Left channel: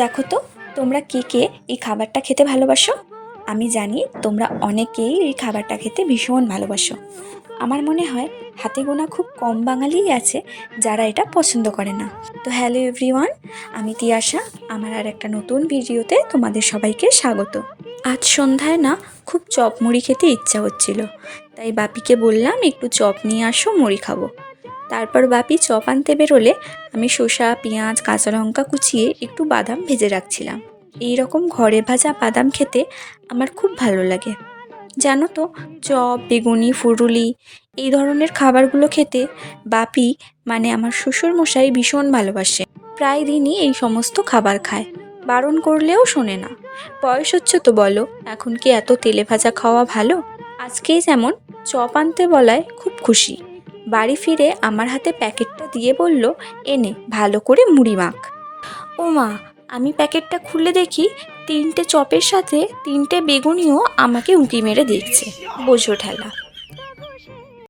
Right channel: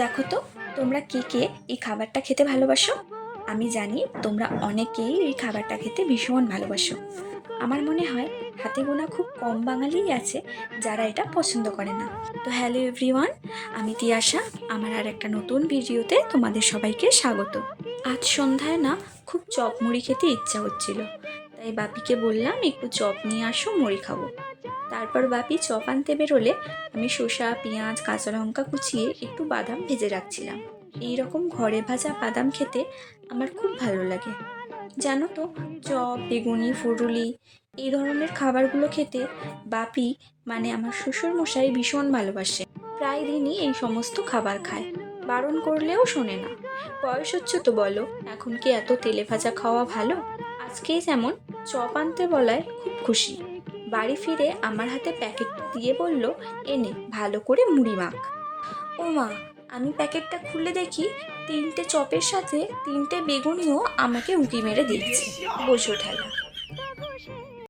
দেখো তো, তোমরা কে কে এই খাবারটা খেতে ভালোবাসো। আমি জানি তোমরা অনেকেই এই খাবারটা খেতে ভীষণ ভালোবাসো। আমার মনে হয় হাতে গোনা খুব কম বাঙালিই আছে যারা এটা পছন্দ করে না। তো হ্যালো এভরিওয়ান, আমি তিয়াশা। আমার আর একটা নতুন ভিডিওতে তোমাদের সবাইকে স্বাগত। আজ সন্ধ্যায় না খুব চপ মুড়ি খেতে ইচ্ছা হচ্ছিল, তাই বাপিকে বললাম একটু চপ নিয়ে আসো, মুড়ি খাবো। তারপর বাপি চপ আনতে বেরোলে আমি শসা, পেঁয়াজ, কাঁচা লঙ্কা কুচিয়ে একটু বাদাম ভেজে রাখছিলাম। এই রকম ঘরে ভাজা বাদাম খেতে আমার খুব ভালো লাগে। জানো তো, চপ, বেগুনি, ফুরুলি এই ধরনের খাবারগুলো খেতে বাপি মানে আমার শ্বশুরমশাই ভীষণ ভালোবাসে। প্রায় দিনই এই সমস্ত খাবার খায়, বারণ করলেও শোনে না। বয়স হচ্ছে তো বলো, এখন কি এত তেলে ভাজা খাওয়া ভালো? আজকেই যেমন চপ আনতে বলায় খুব খুশি। বাড়ি ফিরে আমার হাতে প্যাকেটটা দিয়ে বলল, এনে ভালো করে মুড়ি মাখ। ও মা, আমি প্যাকেটটা খুলে দেখি 3টে চপের সাথে 3টে বেগুনিও আমাকে উঁকি মেরে দেখছে। বোঝো ঠেলা।